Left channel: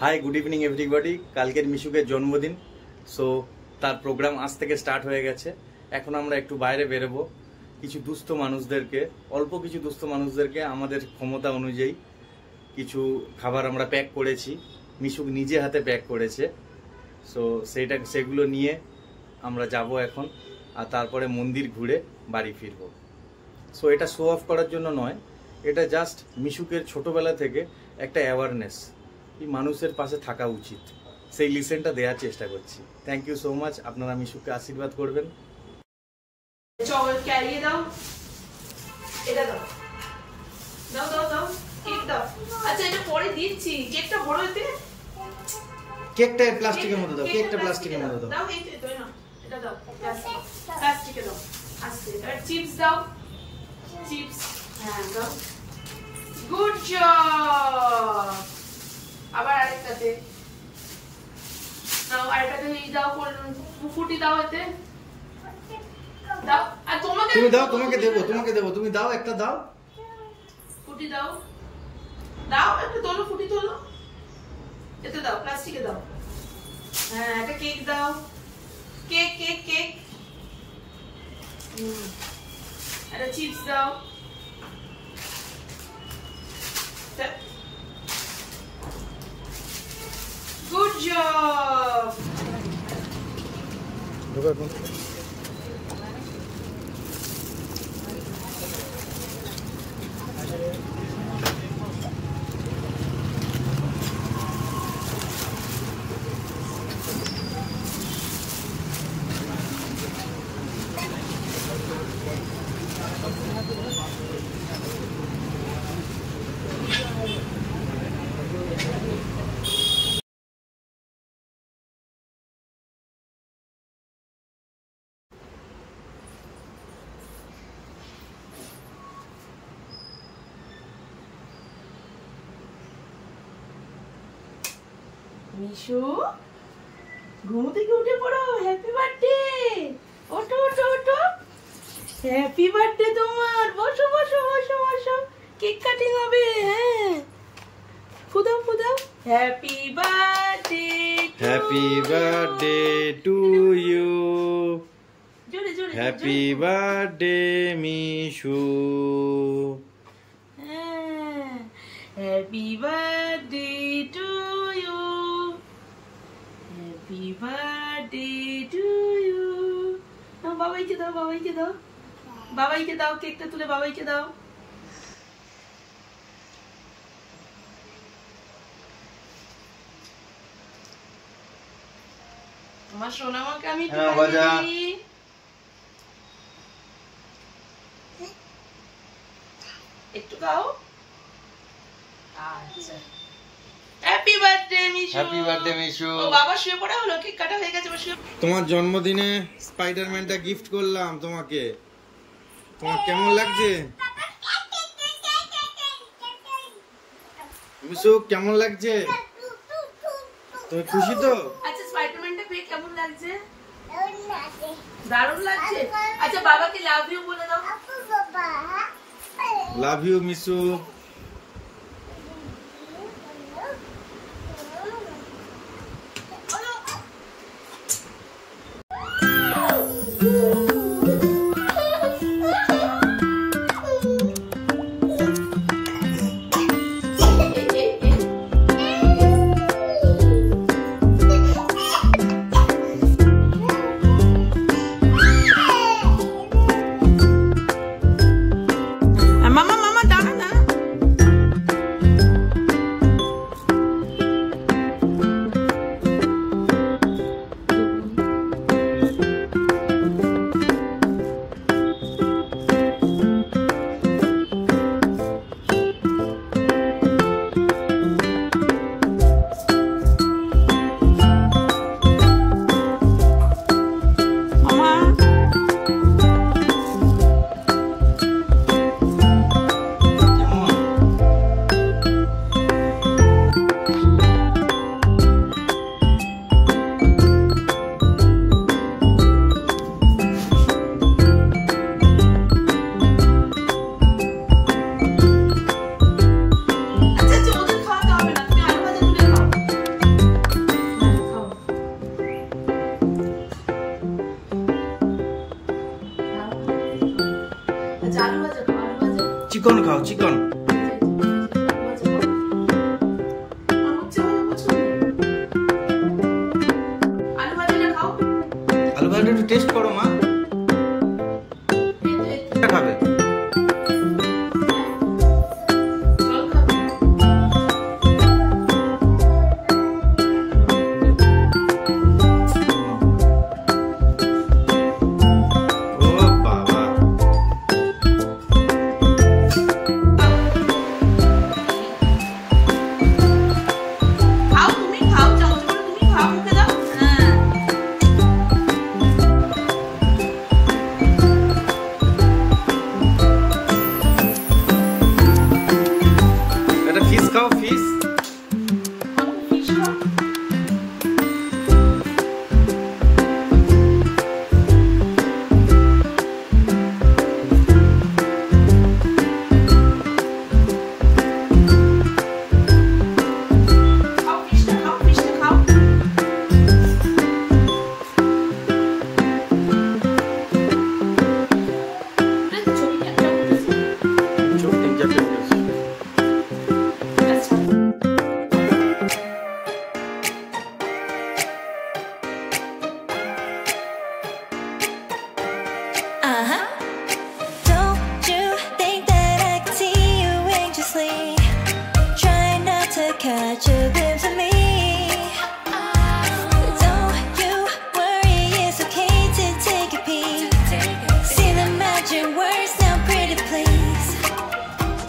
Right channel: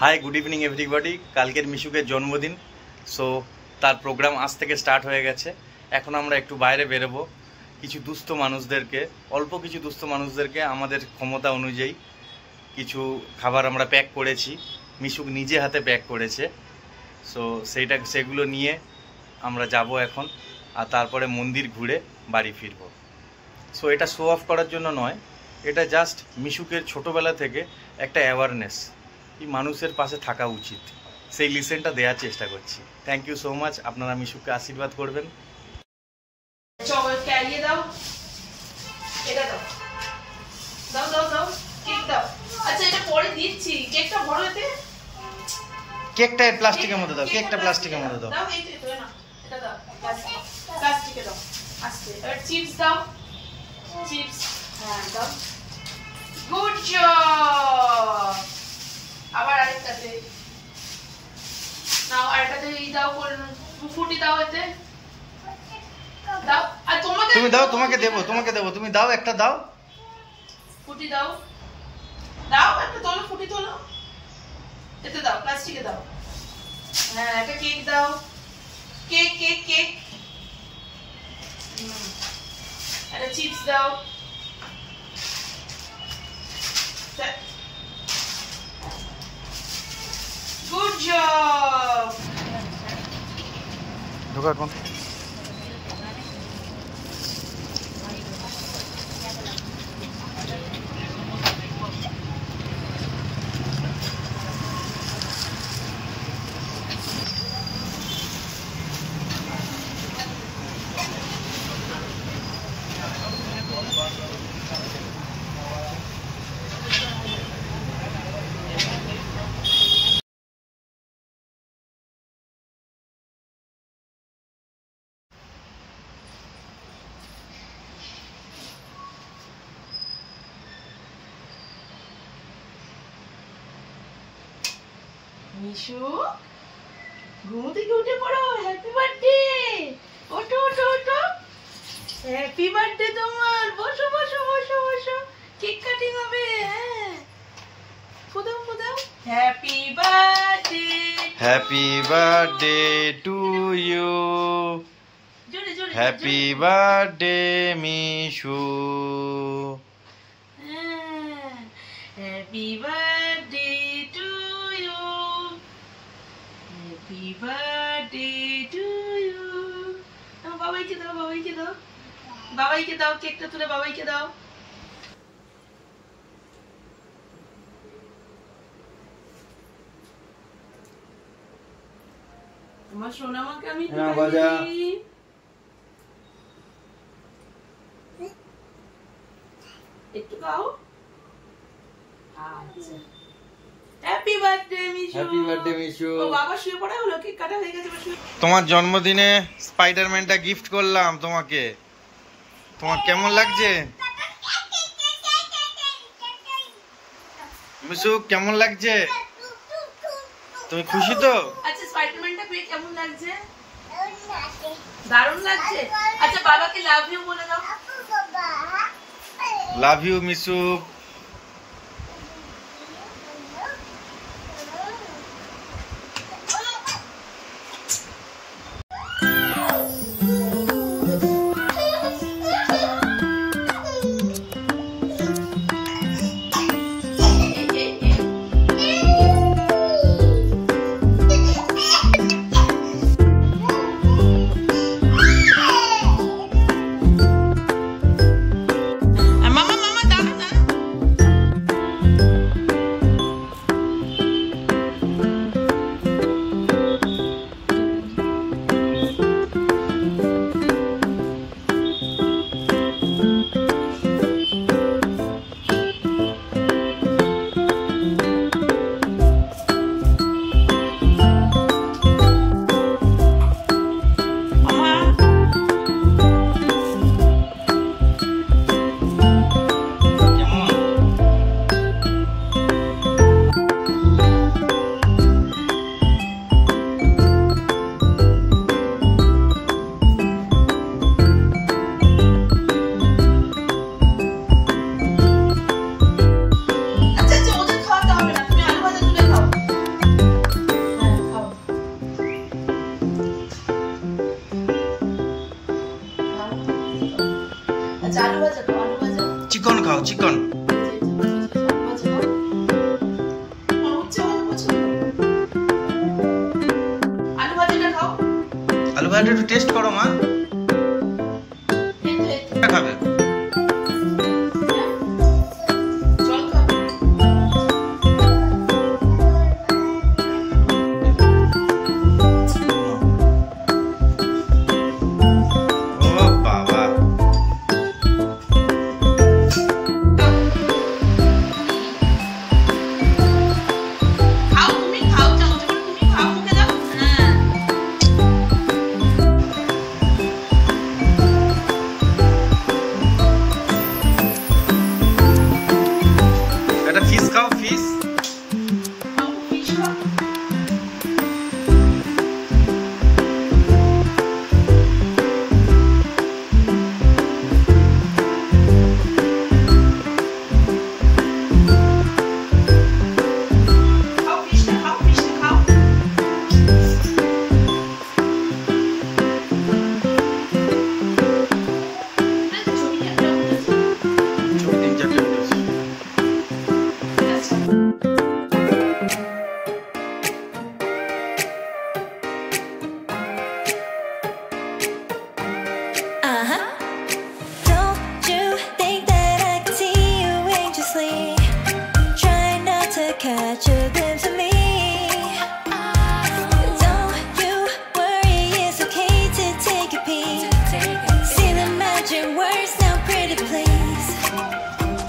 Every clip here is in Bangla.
हाई गुड इवनिंग एवरीबडी कालकेर मिशुके जन्मदिन सो तार प्रोग्राम आज থেকে স্টার্ট হয়ে গেছে। এখন আমরা একটু বাইরে বেরোবো, কিছু দুস্থ মানুষদেরকে অল্প কিছু দুস্থ মানুষদেরকে আমাদের ক্ষমতা অনুযায়ী কিছু খাবার আমরা প্যাক করেছি, মিশুক নিজে হাতে প্যাক করেছে। সো সেগুলো নিয়ে আমরা যাব এখন, আর তারপরে মন্দির ঘুরে বাড়ি ফিরব। সো এটা শো অফ করার জন্য নয়, এটা জাস্ট মিশুকের ছোটোবেলা থেকে একটা অ্যাওয়ারনেস, এই মানুষের পাশে থাকা উচিত, সেই লিসেনটা দেওয়ার চেষ্টা করছি। থ্যাংক ইউ সো মাচ, আপনারা মিশুকে আশীর্বাদ করবেন। কেকটা প্লাস্টিকের মধ্যে দাও, কেকটা প্লাস্টিকের মধ্যে দাও। চিপস দাও, চিপস, হ্যাঁ দাও। Good job. আবার আরেকটাতে নাও, আরেকটাতে দাও, ফুটি দাও, এতে দাও। আর তোমাকে তুমি দাও, তোমাকে দেবো, তোমাকে দেবো, তুমি দাও, একটা দাও, ফুটি দাও, দাও একটা তোলো, ফুটি তোলো, এতে দাও, প্লাস্টিকে দাও। হ্যাঁ একটা কেক দাও, কেক কেক কেক। একটা চিপস দাও। Good job. ঢোকার কোন মিশু, ঘুম থেকে উঠে পড়ো। Happy birthday. ওঠো ওঠো ওঠো। হ্যাপি বার্থডে তোমার। বসো বসো বসো বসো, কেক কাটিং হবে। হ্যাঁ ফুদাও ফুদাও। Happy birthday, happy birthday to you, জোরে জোরে। Happy birthday Mishu. হ্যাঁ happy birthday to you, happy birthday to you. বাবাইকে দাও, বাবাইকে দাও, বাবাইকে দাও, কেকটা তুলে বাবাইকে দাও। তোমার সোনামাকে আমি একটু খাও। আচ্ছা happy birthday Mishu. Happy birthday Mishu. ও বাবা শুয়ে পড়া হলো, কেক কাটা হয়ে গেছে। তোমার জন্মদিনে স্পাইডারম্যানটা গিফট করলাম তোমাকে, তোমার কেমন লাগছে মিশু? কেমন লাগছে? তুমি খুশি তো? আচ্ছা স্পাইডারম্যানটা পেয়ে কেমন লাগছে? দারুণ লাগছে। আচ্ছা বাবাকে লাভ ইউ বলে দাও। Love you Mishu. ফুগাটা একটু টেস্ট করো মা। খাবে catch a glimpse of me. Don't you worry, it's okay to take a peek. See the magic words now, pretty please.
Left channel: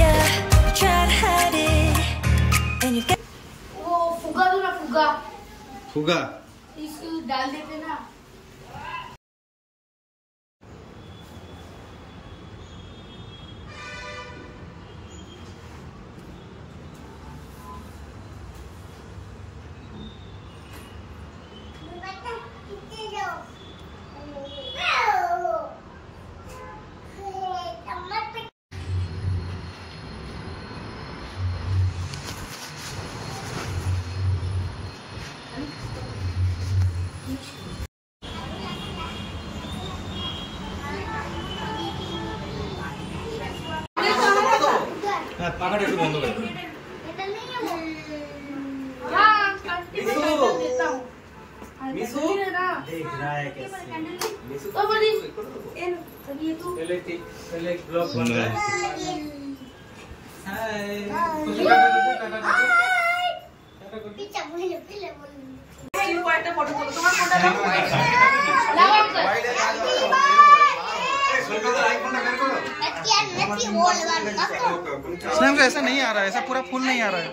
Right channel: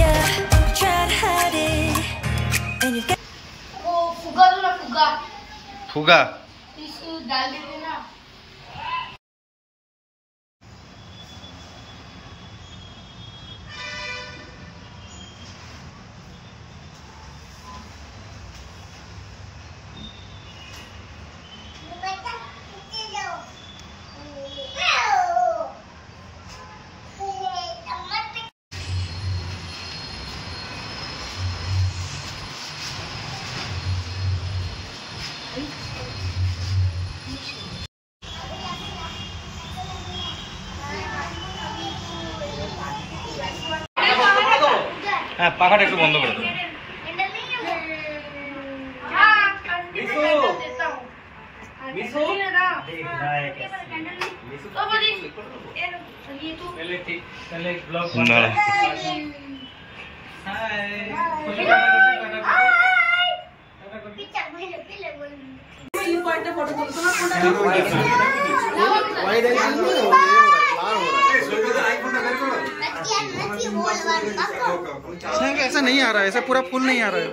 Yeah, you try to hide it, and you've got. वो फुगा दो ना फुगा फुगा इसको डाल देते ना হ্যাঁ পাখাটা একটু বন্ধ করে দাও स्नैप ऐसा नहीं आ रहा है, ऐसा पूरा फुल नहीं आ रहा है।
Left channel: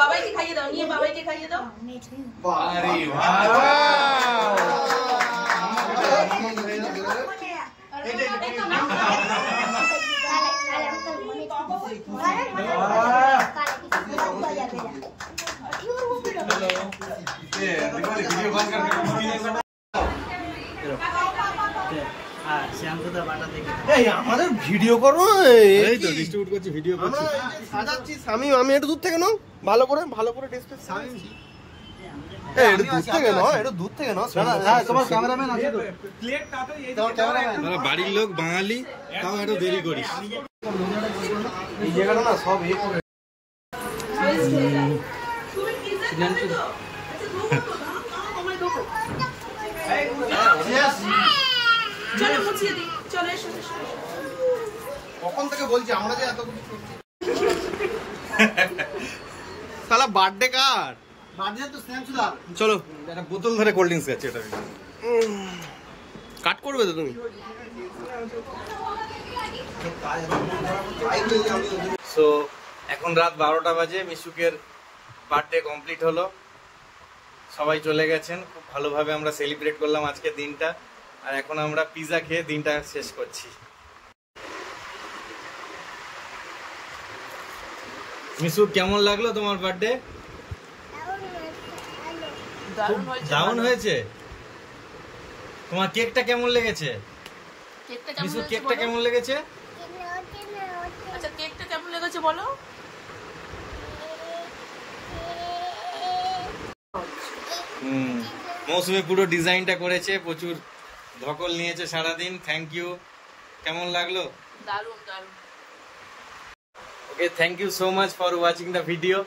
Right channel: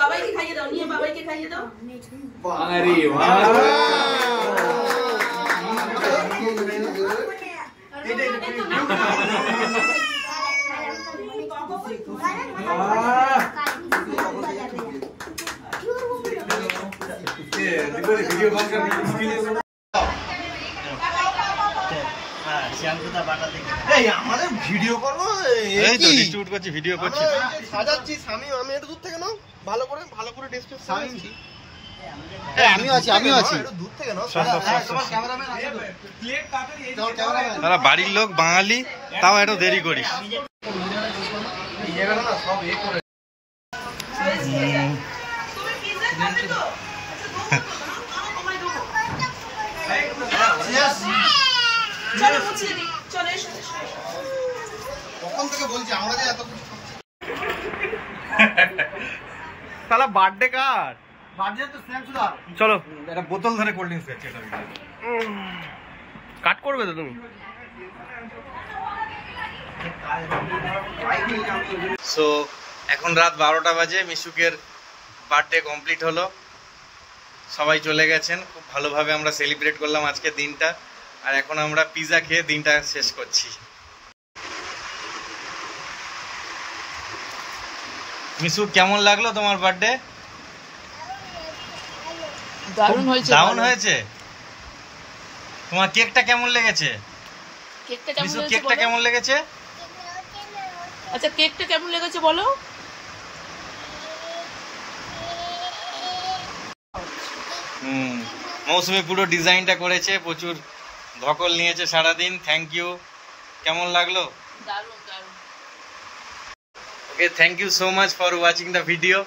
बाबा के खाइए दो, नहीं बाबा के खाइए दो। अरे वाह वीडियो बंद करके আমাদের ভিডিও করবো এই তো ডিস্ট্রিবিউট করছি ভিডিও করছি সাজাচ্ছি আমি একটু দূর থেকে নাও ভালো করে ডিসপ্লে সাজাচ্ছি তারা বাড়ির লোক বাঙালি তাও একটু দেরি করিস কখন থেকে বলছি আমরা যে এত সালা বার্থডে কার বার্থডে তো স্ন্যাপ সুদা চলো একটা বোতল ধরে কোল্ড ড্রিঙ্কস খাচ্ছি এটা কাট করবে তো তুমি সো এখন রাত 12টা বাজে মিশুকের বার্থডে কমপ্লিট হলো সবাই চলে গেছেন খুব ভালোভাবে আমরা সেলিব্রেট করলাম আজকের দিনটা আর এখন আমরা পিৎজা খেয়ে দিনটা শেষ করছি মিশু কেমন লাগলো তোমার বার্থডে? দারুণ হয়েছে। তোমার কেকটা কেমন লেগেছে? মিশু কেকটা কেমন লেগেছে? আচ্ছা কেকটা কেমন লেগেছে বলো। মৌসুমী পুরো ডিজাইনটা করেছে, প্রচুর ধকল নিয়েছে সারাদিন। Thank you. কেমন লাগলো? দারুণ দারুণ। Okay, thank you so much for watching the video.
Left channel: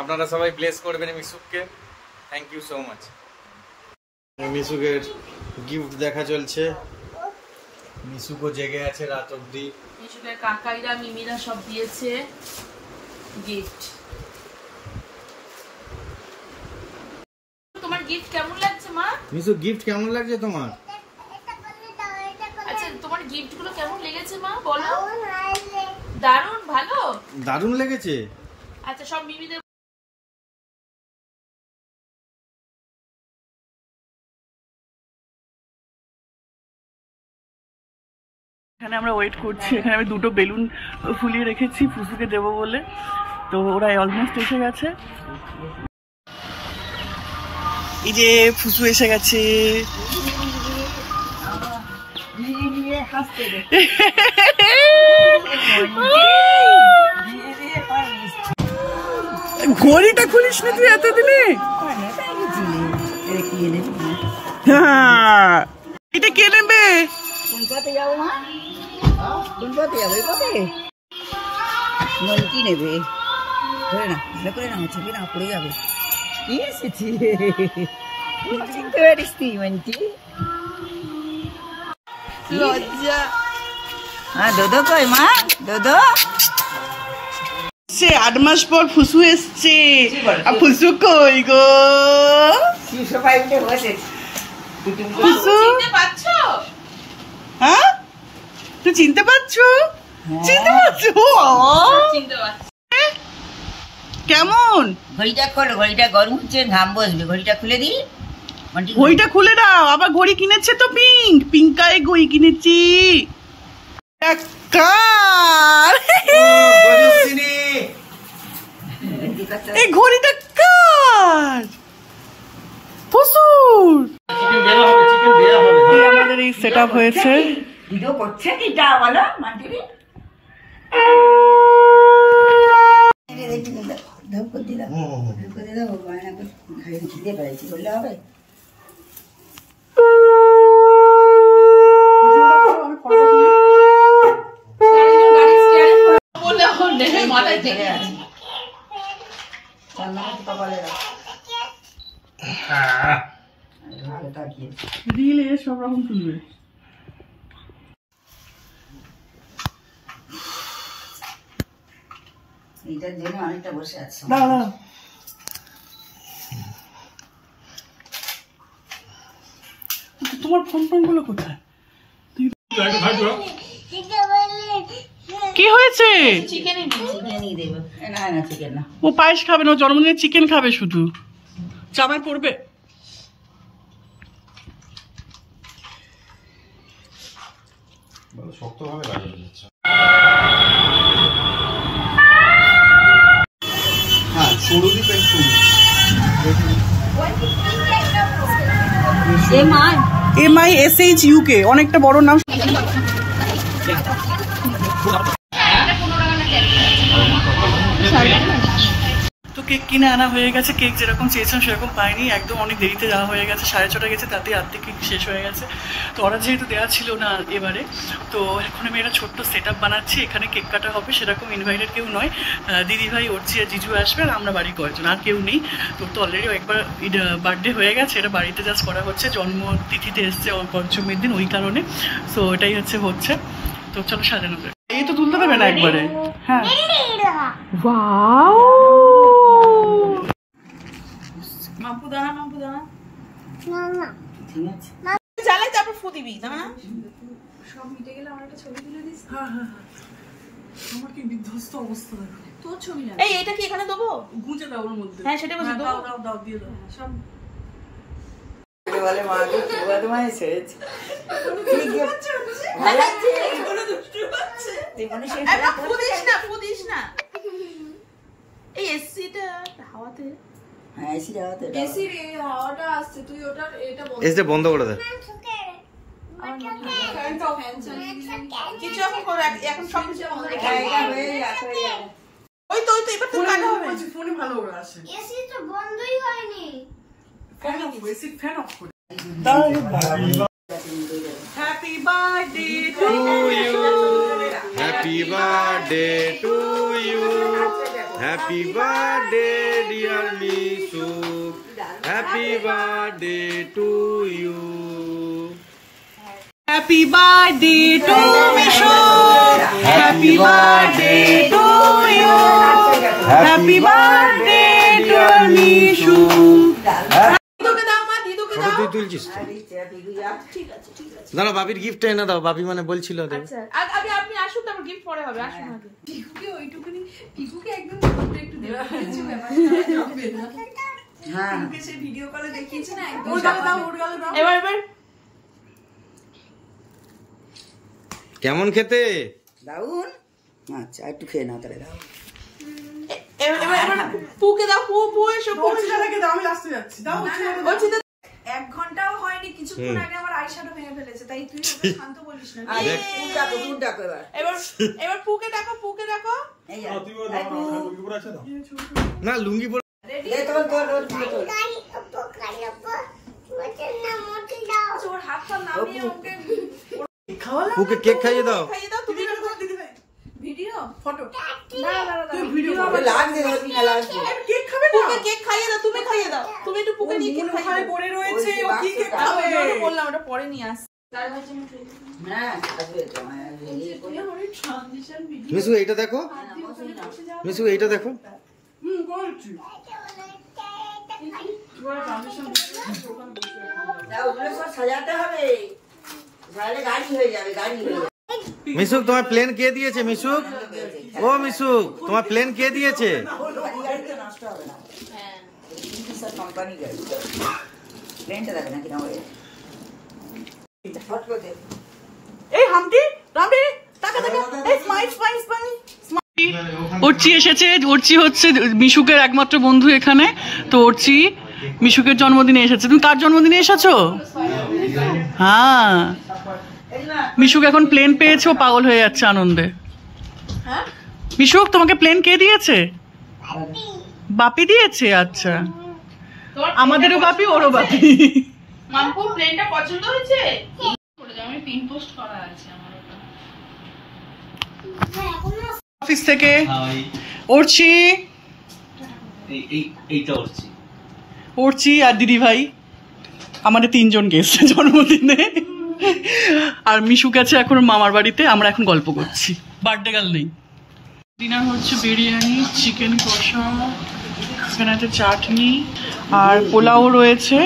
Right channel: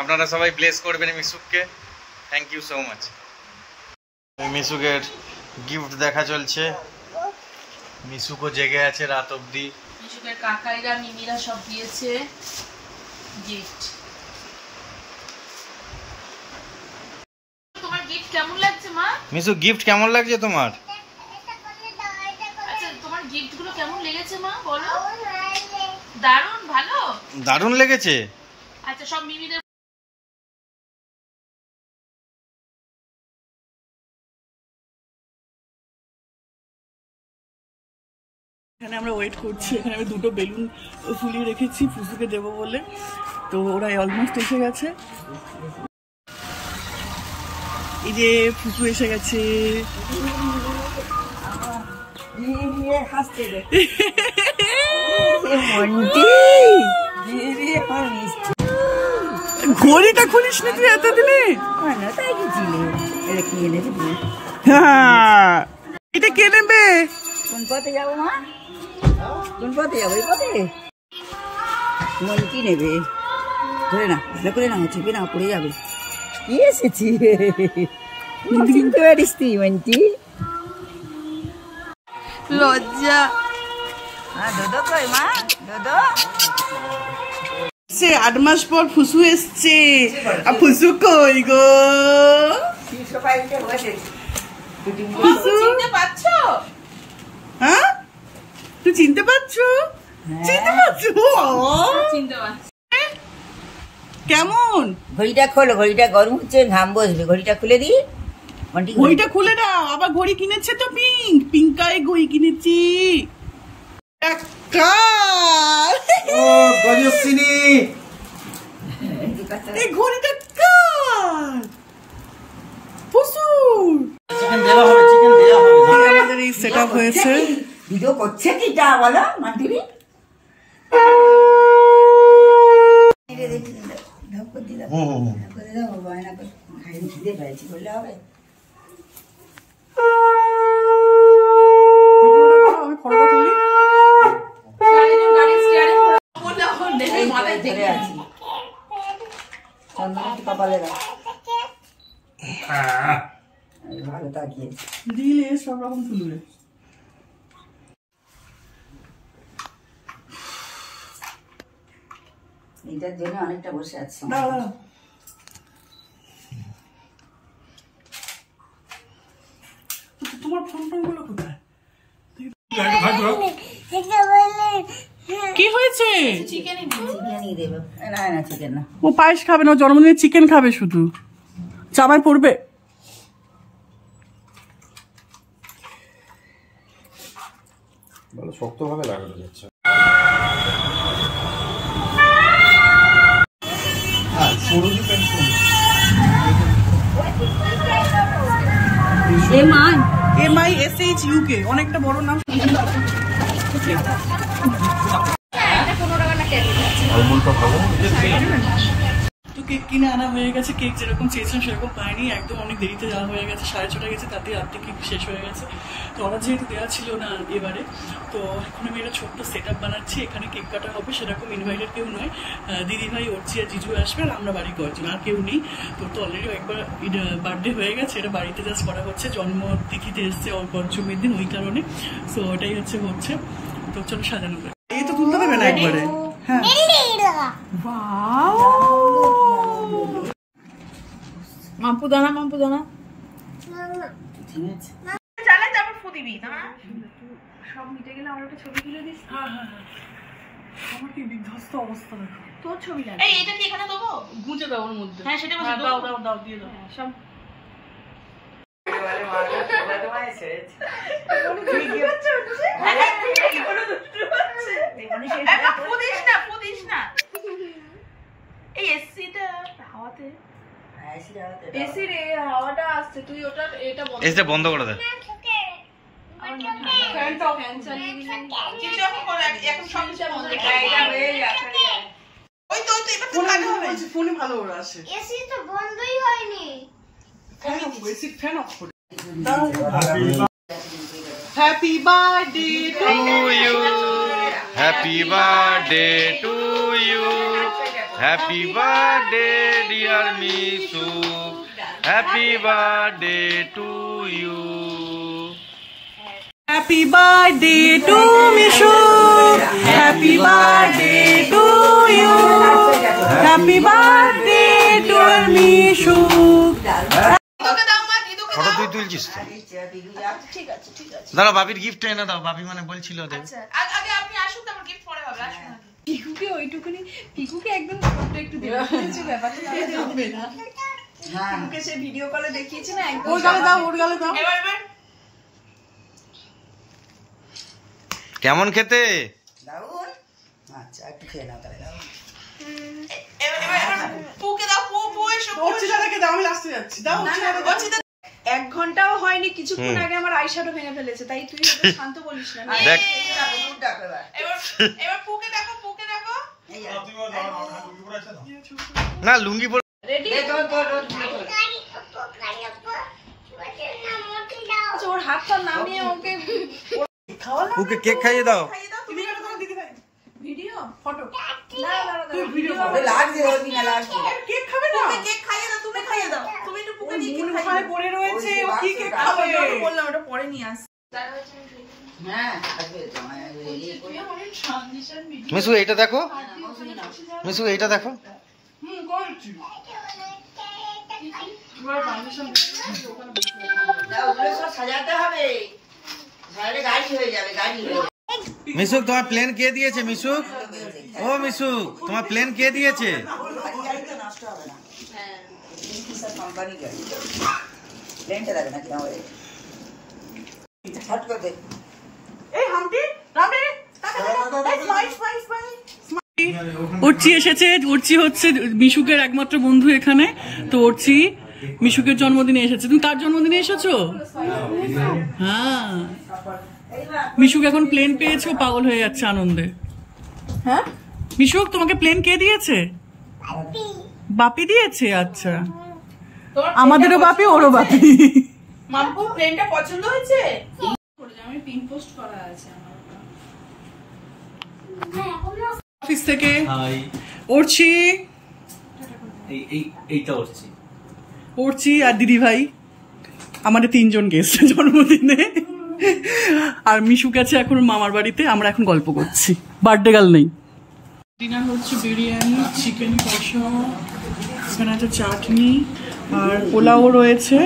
আপনারা সবাই ব্লেস করবেন মিশুকে। Thank you so much. মিশুকের গিফট দেখা চলছে। মিশুকো জেগে আছে রাত অবধি। মিশুকের কাকাইরা মিমিরা সব দিয়েছে গিফট। তোমার গিফট কেমন লাগছে মা? মিশু গিফট কেমন লাগছে তোমার? আচ্ছা তোমার গিফট গুলো কেমন লেগেছে মা বলো। দারুণ ভালো। দারুণ লেগেছে। আচ্ছা সব মিমিদের এখানে আমরা ওয়েট করছি। এখানে আমি দুটো বেলুন ফুলিয়ে রেখেছি ফুসুকে দেবো বলে, তো ওরা অলমোস্ট এসে গেছে। এই যে ফুসু এসে গেছে। ঘড়িটা খুলিস নি তুই এতদিনে? এটা কে নেবে? কোন পথে যাবো মা? কোন পথে যাবো? এই পথে মন্টি নেবে। ধরে না, ধরে করে না, চেপে না, পড়ে যাবে। কি এসেছি চিনতে পারিস তুই মন্টি? লজ্জা। হ্যাঁ দোদো কই মা? দোদো সে 8 মাস পর ফুসু এসছে। আর ফুসু কই গো? ফুসু চিনতে পারছো? হ্যাঁ তুই চিনতে পারছো? চিনতে পারছো? চিনতে পারছি। কেমন? ঘড়িটা খোলো, ঘড়িটা গরম হচ্ছে, ঘাম বসবে। ঘড়িটা খুলে দি। ঘড়িটা খুলে দাও। আবার ঘড়ি কিনেছে তো পিঙ্ক কালারের ঘড়ি কিনেছি। এই ঘড়িটা কার? ফুসুর। আমাদের এই সেট আপ হয়েছে। ভিডিও করছে কিটা বলো মান্টিনি? খিদে পেয়েছি বললে হবে? আমি ফটোটা তুলি। বললে ওর নেমে মাথায় ঠেকে আছে। কপালে ভালো তাকিয়ে দিলে সব রকম তুলবে। এইটার জন্য অনেকটা বসে আছে। দাঁড়া তোমার ফোন গুলো কোথায়? কি হয়েছে? চিকেনই দেবে। না না চিকেন না, ও পায়েস খাবে না, ও জন্মদিনে চিকেন খাবে শুধু। জামাই পড়বে। শক্তভাবে লাগানো যাচ্ছে। MISHUK অনেকটা বড় নাম। তো কেক কিনে আনা হয়ে গেছে। কেক যেরকম চেয়েছিলাম সেরকম পাইনি, একদম অনেক দেরিতে যাওয়া হয়ে গেছে। 6:30 গেছে, তাতেই আর্ধেক কেক শেষ হয়ে গেছে। তো অর্ডার যেহেতু দেওয়া ছিল না এবারে, তো এখন আমি একটা ছোট্ট সেট আপ বানাচ্ছি। এখানে কেক কাটা হবে, সেরকম ইনভাইটেড কেউ নয়। দিদিভাই, অর্চি আর জিজু আসবে, আর আমরা বাড়ি কয়েকজন, আর কেউ নেই। তো অলরেডি একবার বার্থডে হয়ে গেছে, এটা বাড়িতে জাস্ট করা হচ্ছে। জন্মতিথিতে এসছে পঞ্চমীর দিন, ওই কারণে। সো এটাই হচ্ছে। তো চলো সাজানো যায়। এই তো তুলতে দেবে না একবারে? হ্যাঁ। ওয়াও, মাম্পু দানা, মাম্পু দানা। ঠিক আছে চালাই তারপর ফু দিবি না? সব মিটে গেলে আমার একটা ছবি তুলে দিস। হ্যাঁ হ্যাঁ হ্যাঁ, আমার কি বিধ্বস্ত অবস্থা না। তোর ছবি না। এই এটা কি এখানে দেবো? গুঁজে দাও ওর মধ্যে। হ্যাঁ সেটা বলি। দাও দাও দাও, দিয়ে দাও সব। বলে মা তোমায় ছেড়েছে। ফু দিস না, ফু দিস না। এই এসিটা হাওয়াতে হ্যাঁ এসি লাগাতে এসি রে হাওয়াটা আসছে, তুই ওটা এটা বন্ধ এসিটা বন্ধ করে দে। কিছু এখন করে এখন সব কিছু বন্ধ করে ওই তো এবার তো কাজ হবে। ফোনে ভালো ওরা আসে। এসি তো বন্ধই হয়নি। বেসিক ফ্যান অফ করে। Happy birthday to you, happy birthday to you, happy birthday dear Mishu, happy birthday to you. Happy birthday to Mishu, happy birthday to you, happy birthday to Mishu. দিদুকে দাও মা, দিদুকে ফটো তুই তুলছিস তো? ঠিক আছে ঠিক আছে। দাঁড়া, বাবির গিফট এনে দাও। বাবি মানে বলছিল দেখ। আচ্ছা আগে আপনি আসুন, তারপর গিফট পরে হবে। আসুন আগে। টিকুকে ওইটুকুনি, টিকুকে একদম একটু দেওয়া কিছু ব্যাপার হ্যাঁ না। সে ভিডিও কলে দেখিয়েছে না, একদম উড়গালে দাও, উড়গালে দাও। এবার কেমন খেতে? দাউন আচ্ছা একটু খেয়ে নাও তাহলে দাও পুকে দাও, পু এসো, পু এসো। ওচিতাকে দাও, আমি আসতে যাচ্ছি। দাও ওচিতা 1 ঘন্টাও হয়নি, কিছুক্ষণ আগে আমার আইশ্যাডো ভেঙে ফেলেছে, তাই তুই শান্ত বলিস না। দেখ। দুধ ডাকো এবার এবার পুকে দেখো, পুকে দেখো। এই যা। না, লুঙ্গি পরে রেডি? এই তোর তোর আচ্ছা, ওর হাতটা নামিয়ে ওকে পুকে কেক খাইয়ে দাও। খাইয়ে দাও। তুমি দিদি ভাই ভিডিও ফটো দাঁড়া তুই ভিডিও ওই লাগবে ওই না লাগবে কেক খাবে না। পুকে কেক খাইয়ে দাও, তুমি খাইয়ে দাও। তুমি একটু পুকে নিয়ে কেক ওখানে খাইয়ে দাও। পড়ে রয়েছে, ও কি কেক খাবে? বললাম ওটা পরে নিয়ে আস। হ্যাঁ আসবে তো এই তুমি অনেক ট্রানজিশন ভিডিও মিশু এইটা দেখো, মিশু এইটা দেখো। করছি ওগুলো সব সাজাতে হবে বাইরে গাড়ি হয়ে যাবে গাড়ি হয়ে যাবে মিশুক, তোমার প্লেন কে দিয়েছে? মিশুক, ও মিশুক, তোমার প্লেন কে দিয়েছে? গাড়ি গাড়িতে নষ্ট হবে না সব কোম্পানি গাড়ি প্লেনটা দেখে না কিনা হয় ছট করে দে এই হামটি রাবি টাকা দে এই স্মাইল স্মাইল স্মাইল। অর্চি এসেছে। অর্চি হচ্ছে মিশুকের একমাত্র বন্ধু এখানে। তো অর্চি মিশুকের জন্মদিনে এসেছে। তুমি কার জন্মদিনে এসেছো? হ্যাঁ, মিশুক এখন প্লেন পেয়েছে, ও পাগল হয়ে যাচ্ছে আনন্দে। হ্যাঁ মিশুক, তোমাকে প্লেন কে দিয়েছে? বাপি দিয়েছে। আচ্ছা, আমাদেরও বাপি, ওরও বাপি। মাম্পু প্লেনটা পছন্দ হয়েছে? করে দাও, আমি পিন পোস্ট করা আছে আমার ওটা। অফিস থেকে অর্চি, এইটা হচ্ছে অর্চি আর দিদি ভাই, আমাদের 3 জন গেস্ট জন্মদিনে। আর মিশুক আছে এখন মামার বাড়িতে, আমরা এখন গল্প করছি, বার্থডে গার্ল নেই। ডিনার হচ্ছে বিরিয়ানি, চিকেন কষা, এখানে আছে চাটনি আর পোলাও রয়েছে।